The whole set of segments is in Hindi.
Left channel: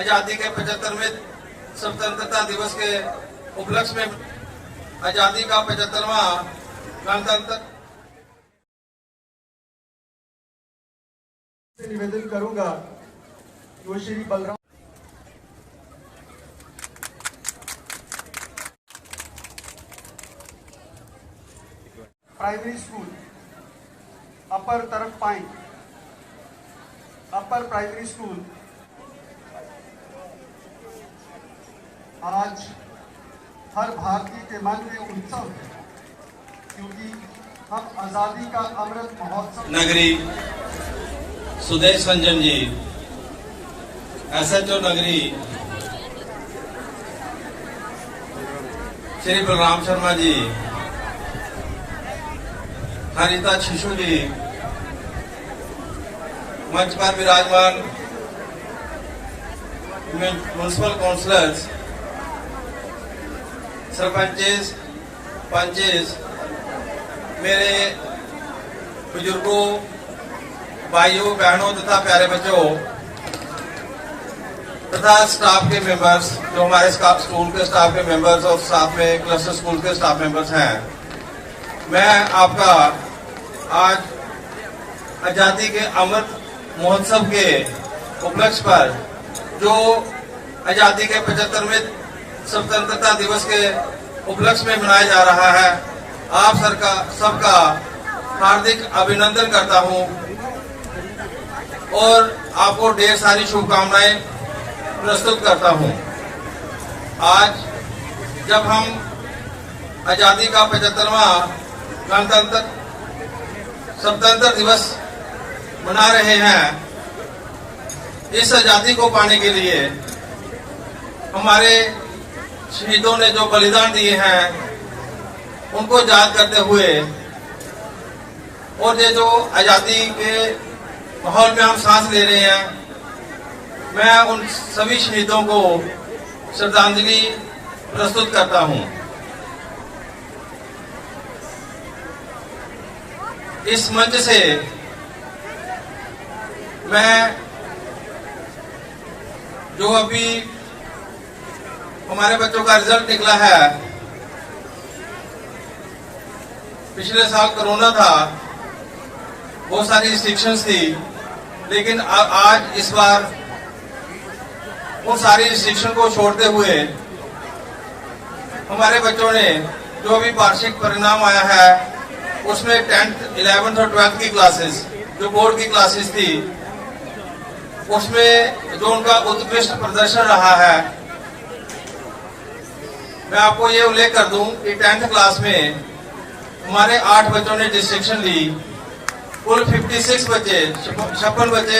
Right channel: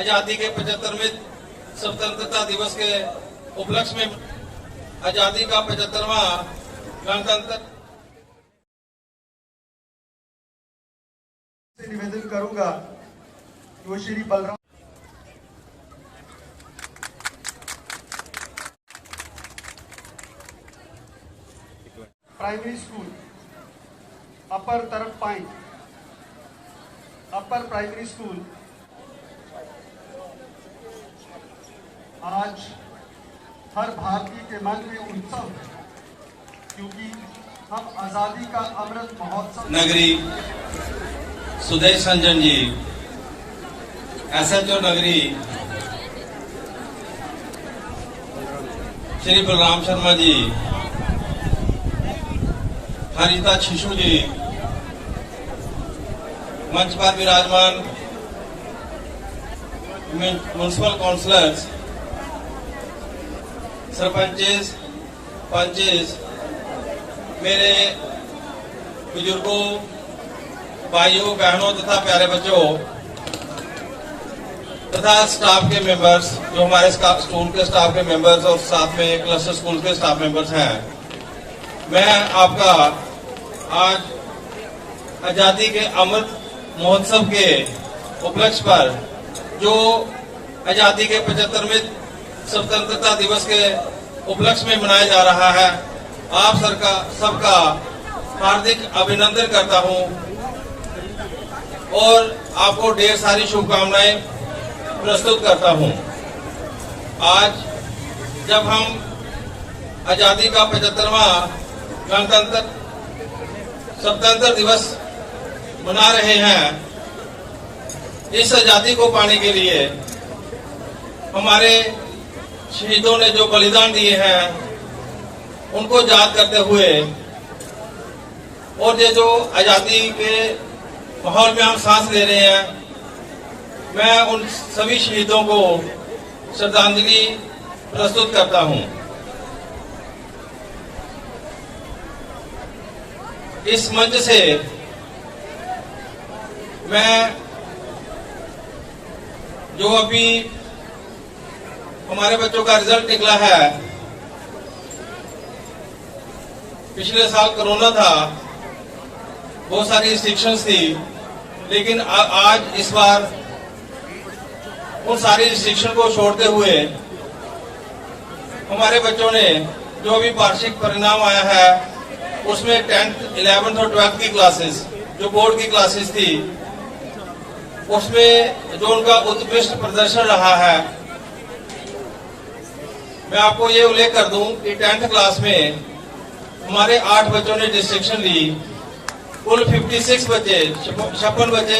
आजादी के 75वें स्वतंत्रता दिवस के उपलक्ष्य में आजादी का 75वां गणतंत्र निवेदन करूंगा तो श्री बलराम प्राइमरी स्कूल अपर तरफ पाइन अपर प्राइमरी स्कूल आज हर भारतीय के मन में उत्सव है क्योंकि हम आजादी का अमृत महोत्सव नगरी सुदेश रंजन जी, SHO नगरी श्री बलराम शर्मा जी, हरिता शिशु जी, मंच पर विराजमान म्युनिसिपल काउंसलर्स, सरपंचेस, पंचेस, मेरे बुजुर्गों, भाइयों, बहनों तथा प्यारे बच्चों तथा स्टाफ के मेंबर्स, जो हमारे स्कूल के स्टाफ के मेंबर्स और साथ में क्लस्टर स्कूल के स्टाफ मेंबर्स हैं, मैं आपका आज आजादी के अमृत महोत्सव के उपलक्ष्य पर जो आजादी के 75वें स्वतंत्रता दिवस के उपलक्ष्य में मनाया जा रहा है, आप सबका हार्दिक अभिनंदन करता हूं और आपको ढेर सारी शुभकामनाएं प्रस्तुत करता हूं। आज जब हम आजादी का 75वां गणतंत्र स्वतंत्रता दिवस मना रहे हैं, इस आजादी को पाने के लिए हमारे शहीदों ने जो बलिदान दिए हैं उनको याद करते हुए और ये जो आजादी के माहौल में हम सांस ले रहे हैं, मैं उन सभी शहीदों को श्रद्धांजलि प्रस्तुत करता हूं। इस मंच से मैं जो अभी हमारे बच्चों का रिजल्ट निकला है, पिछले साल कोरोना था, बहुत सारी रिस्ट्रिक्शंस थी, लेकिन आज इस बार उन सारी रिस्ट्रिक्शन को छोड़ते हुए हमारे बच्चों ने जो अभी वार्षिक परिणाम आया है उसमें 10th, 11th और 12th की क्लासेस, जो बोर्ड की क्लासेस थी, उसमें जो उनका उत्कृष्ट प्रदर्शन रहा है, मैं आपको ये उल्लेख कर दूं कि 10th क्लास में हमारे 8 बच्चों ने डिस्टिंक्शन ली। कुल 56 बच्चे, 56 बच्चे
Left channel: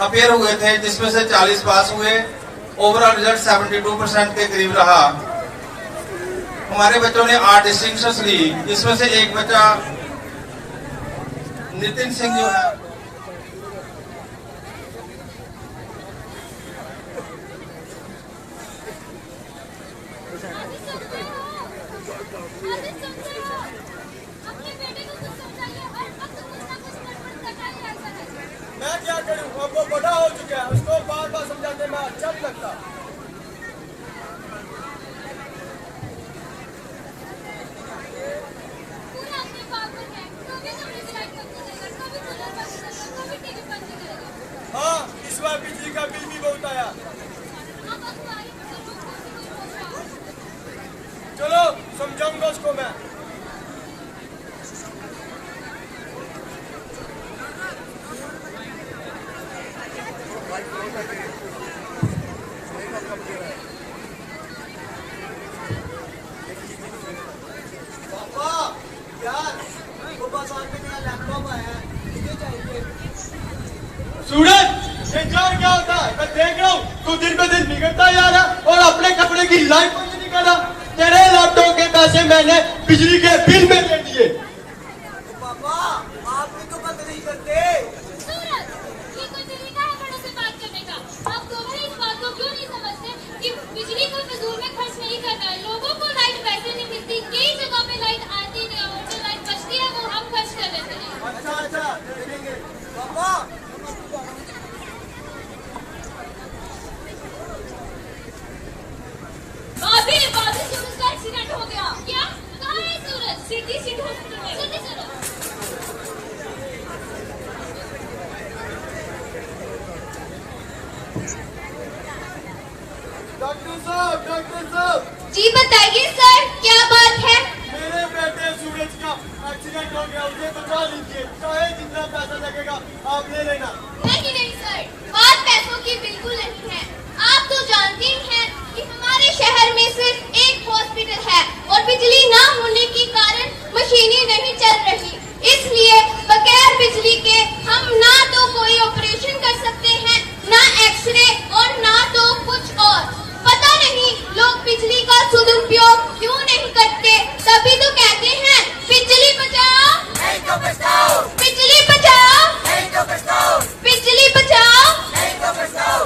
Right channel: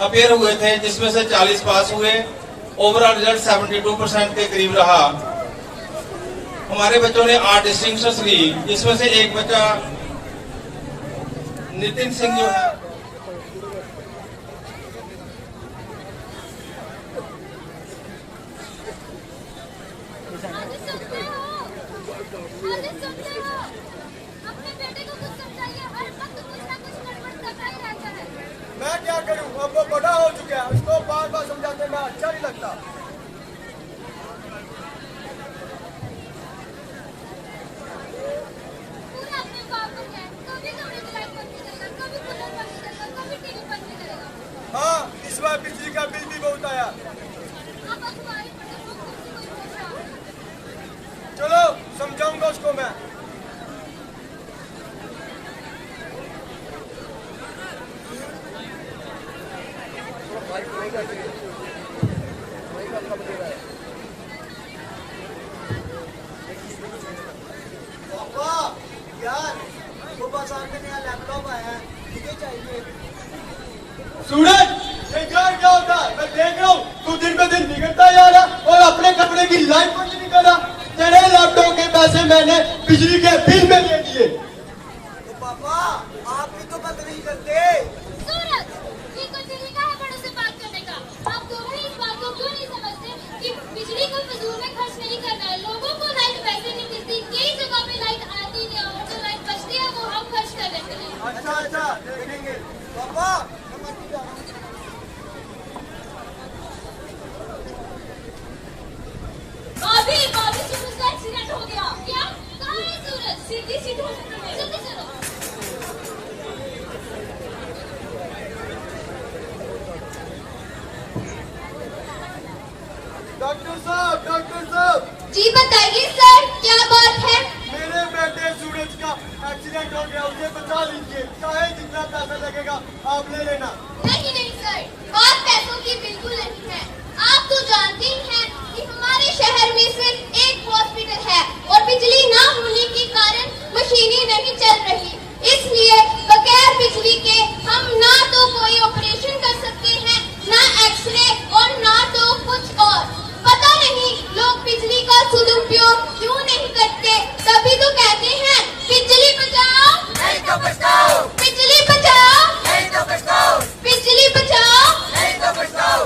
अपेयर हुए थे, जिसमें से 40 पास हुए। ओवरऑल रिजल्ट 72% के करीब रहा। हमारे बच्चों ने 8 डिस्टिंक्शंस ली, जिसमें से एक बच्चा नितिन सिंह जो है मैं क्या करूं, अब वो बड़ा हो चुका है, उसको बार बार समझाते मैं अच्छा नहीं लगता। पूरा अपने बाप को है, कभी कमरे की लाइट बंद नहीं करेगा, कभी कूलर बंद नहीं करेगा, कभी टीवी बंद नहीं करेगा। हाँ, इस बार बिजली का बिल भी बहुत आया। आप अखबारी पढ़े लोग कौन सी कोई सोच रहा है? चलो समझाऊंगा उसको मैं। पापा यार, वो बाजार में नया लैपटॉप आया है, मुझे चाहिए। सूरज, एंजॉय क्या होता है? मैं देख रहा हूँ तू दिन पे दिन बिगड़ता जा रहा और अपने कपड़े की लाइफ कुछ नहीं कर रहा। तेरे लैपटॉप के पैसे मैंने बिजली के बिल में दे दिए। तो पापा आप भी तो बंद नहीं करते। सूरज, ये कोई तरीका है बड़ों से बात करने का? आप दोनों ही इस बात को क्यों नहीं समझते कि बिजली को फिजूल में खर्च नहीं करना है? लोगों को लाइट पैसे नहीं मिलती, कई जगह पे लाइट आती है और जो लाइट बचती है वो हम खर्च कर लेते हैं। अच्छा देखेंगे पापा। सीधी सीधी सीधी चलो। डॉक्टर साहब जी बताइए सर, क्या बात है? मेरे बेटे सूरज का एक्सीडेंट हो गया, उसे बचा लीजिए, चाहे जितना पैसा लगेगा आप ले लेना। नहीं नहीं सर, बात पैसों की बिल्कुल नहीं है। आप तो जानते ही हैं कि हमारे शहर में सिर्फ एक हॉस्पिटल है और बिजली ना होने के कारण मशीनें नहीं चल रही, इसलिए बगैर बिजली के हम ना तो कोई ऑपरेशन कर सकते हैं, ना एक्सरे और ना तो कुछ और। पता नहीं लोग बिजली का सदुपयोग क्यों नहीं करते, तभी तो कहते हैं बिजली बचाओ नहीं तो बचाओ, बिजली बचाओ नहीं तो बचाओ, बिजली बचाओ नहीं तो बचाओ।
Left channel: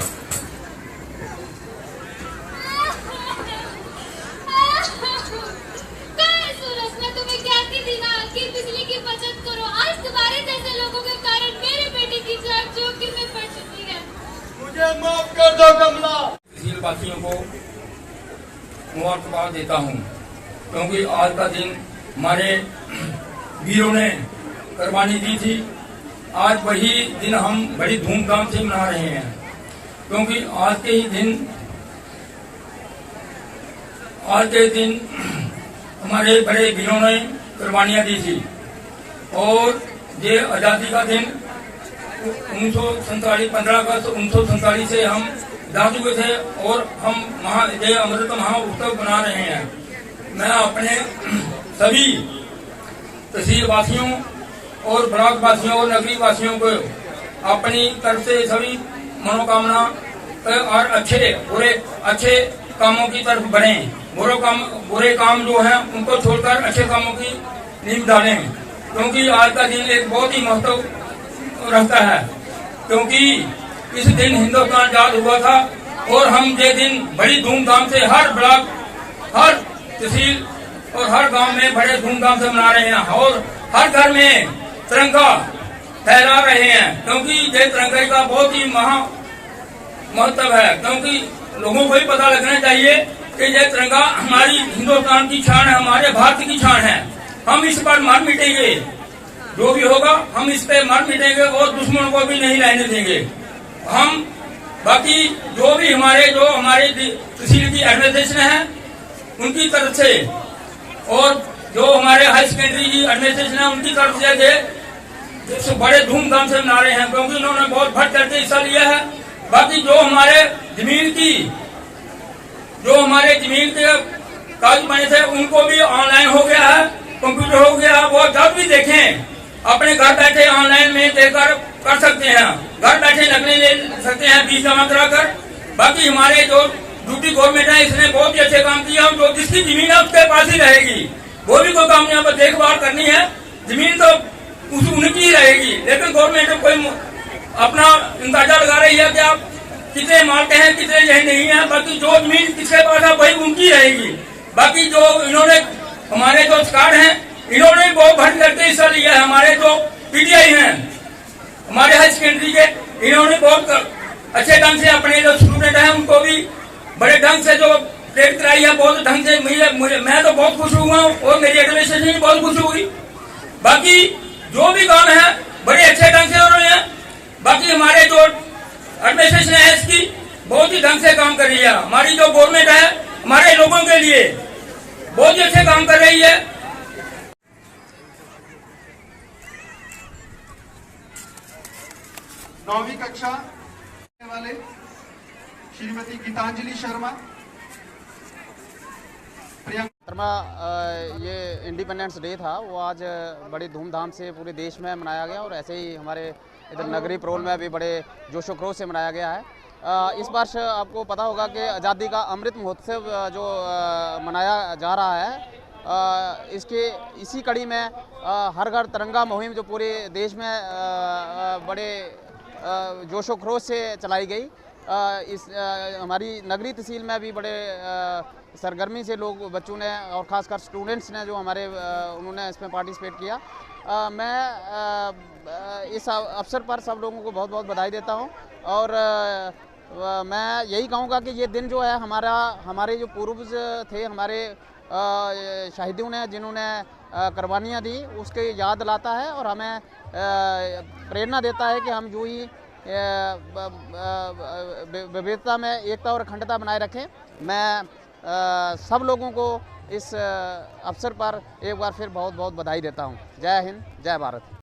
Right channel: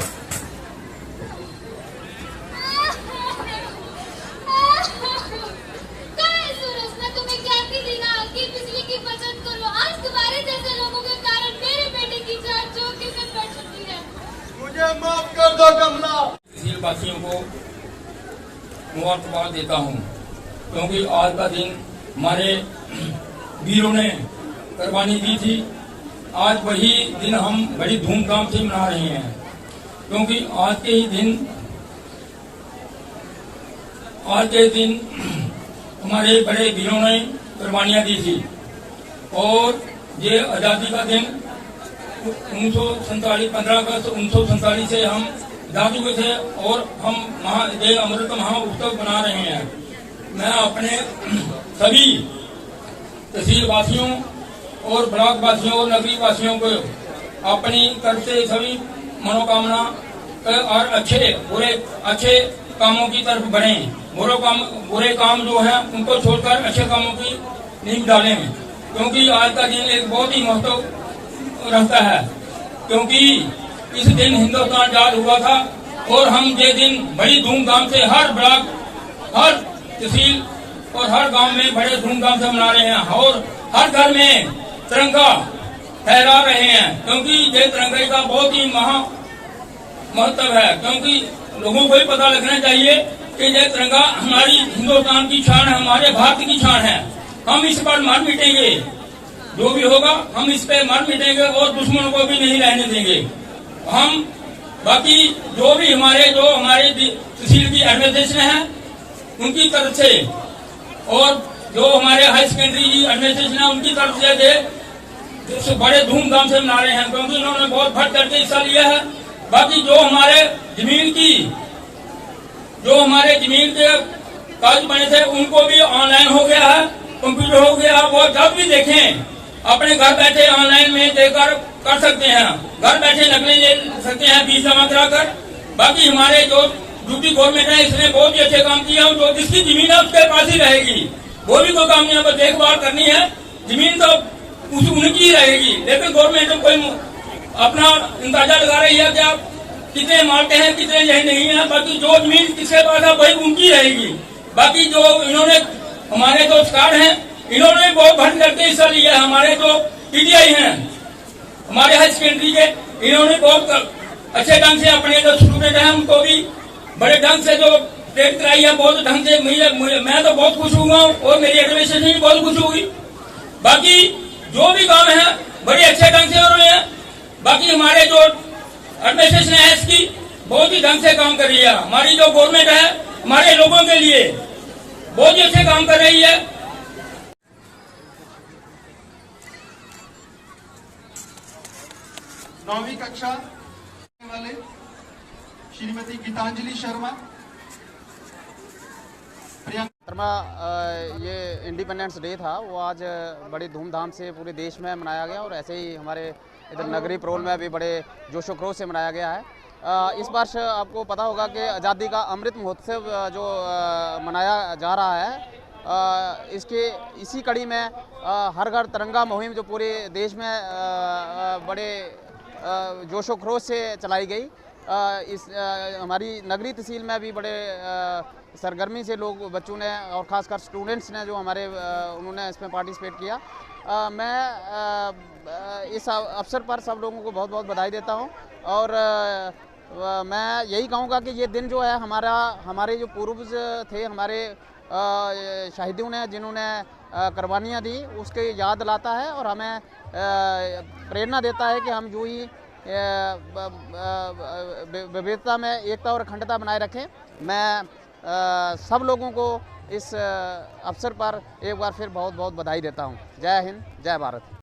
कहाँ सूरज, मैं तुम्हें कहती थी ना कि बिजली की बचत करो। आज तुम्हारे जैसे लोगों के कारण मेरे बेटे की जान जोखिम में पड़ चुकी है। मुझे माफ कर दो कमला। वासियों को मुबारकबाद देता हूँ, क्योंकि आज का दिन हमारे वीरों ने कुर्बानी दी थी। आज वही दिन हम बड़ी धूमधाम से मना रहे हैं, क्योंकि आज के दिन हमारे बड़े वीरों ने कुर्बानियां दी थी। और ये आजादी का दिन 15 अगस्त 1947 से हम जा चुके थे और हम ये अमृत महोत्सव बना रहे हैं। मैं अपने सभी तहसील वासियों और ब्लॉक वासियों और नगरी वासियों को अपनी तरफ से सभी मनोकामना और अच्छे कामों की तरफ बढ़े। बुरे काम जो हैं उनको छोड़कर अच्छे कामों की नींव डालें, क्योंकि आज का दिन एक बहुत ही महत्व रखता है। क्योंकि इस दिन हिंदुस्तान आजाद हुआ था और हम ये दिन बड़ी धूमधाम से हर ब्लॉक, हर तहसील और हर गांव में बड़े धूमधाम से मना रहे हैं और हर घर में तिरंगा फहरा रहे हैं, क्योंकि ये तिरंगे का बहुत ही महत्व है। क्योंकि लोगों को ही पता लगना चाहिए कि ये तिरंगा हमारी हिंदुस्तान की शान है, हमारे भारत की शान है। हम इस पर मर मिटेंगे, जो भी होगा हम इस पे मर मिटेंगे और दुश्मन को भी नहीं रहने देंगे। हम बाकी जो हमारे तहसील की एडमिनिस्ट्रेशन है उनकी तरफ से और जो हमारे हाई सेकेंडरी की एडमिनिस्ट्रेशन है उनकी तरफ से बड़े धूमधाम से मना रहे हैं, क्योंकि इन्होंने बहुत भर करके हिस्सा लिया है। बाकी जो हमारे जमीन के कागज बने थे उनको भी ऑनलाइन हो गया है, कंप्यूटर हो गया है। वो जब भी देखें अपने घर बैठे ऑनलाइन में देकर कर सकते हैं, घर बैठे नकलें ले सकते हैं फीस जमा कराकर। बाकी हमारे जो ड्यूटी गवर्नमेंट है इसने बहुत ही अच्छे काम किया। जो जिसकी जमीन है उसके पास ही रहेगी, वो भी कोई काम यहाँ पर देखभाल करनी है, जमीन तो उनकी ही रहेगी। लेकिन गवर्नमेंट कोई अपना अंदाजा लगा रही है कि आप कितने मालते हैं कितने यही नहीं है। बाकी जो जमीन किसके पास है वही उनकी रहेगी। बाकी जो इन्होंने हमारे जो स्टार हैं इन्होंने बहुत भर करके हिस्सा लिया है। हमारे जो पीटीआई हैं हमारे हाई सेकेंडरी के, इन्होंने बहुत अच्छे ढंग से अपने जो स्टूडेंट हैं उनको भी बड़े ढंग से जो प्रेरित कराई है, बहुत ढंग से मैं तो बहुत खुश हुआ और मेरी एडमिनिस्ट्रेशन भी बहुत खुश हुई। बाकी जो भी काम है बड़े अच्छे ढंग से हो रहे हैं। बाकी हमारे जो एडमिनिस्ट्रेशन है इसकी बहुत ही ढंग से काम कर रही है। हमारी जो गवर्नमेंट है हमारे लोगों के लिए बहुत ही अच्छे काम कर रही है। 9वीं कक्षा वाले श्रीमती गीतांजलि शर्मा। ये इंडिपेंडेंस डे था, वो आज बड़ी धूमधाम से पूरे देश में मनाया गया और ऐसे ही हमारे इधर नगरी प्रोल में भी बड़े जोशो खरोश से मनाया गया है। इस वर्ष आपको पता होगा कि आज़ादी का अमृत महोत्सव जो मनाया जा रहा है, इसी कड़ी में हर घर तिरंगा मुहिम जो पूरे देश में बड़े जोशो खरोश से चलाई गई। हमारी नगरी तहसील में भी बड़े सरगर्मी से लोग बच्चों ने और ख़ासकर स्टूडेंट्स ने जो हमारे उन्होंने इसमें पार्टिसिपेट किया। मैं इस अवसर पर सब लोगों को बहुत बहुत बधाई देता हूं और मैं यही कहूँगा कि ये दिन जो है हमारे जो पूर्वज थे, हमारे शहीदों ने जिन्होंने कुर्बानियाँ दी उसकी याद लाता है और हमें प्रेरणा देता है कि हम जो ही विविधता में एकता और अखंडता बनाए रखें। मैं सब लोगों को इस अवसर पर एक बार फिर बहुत बहुत बधाई देता हूँ। जय हिंद, जय भारत।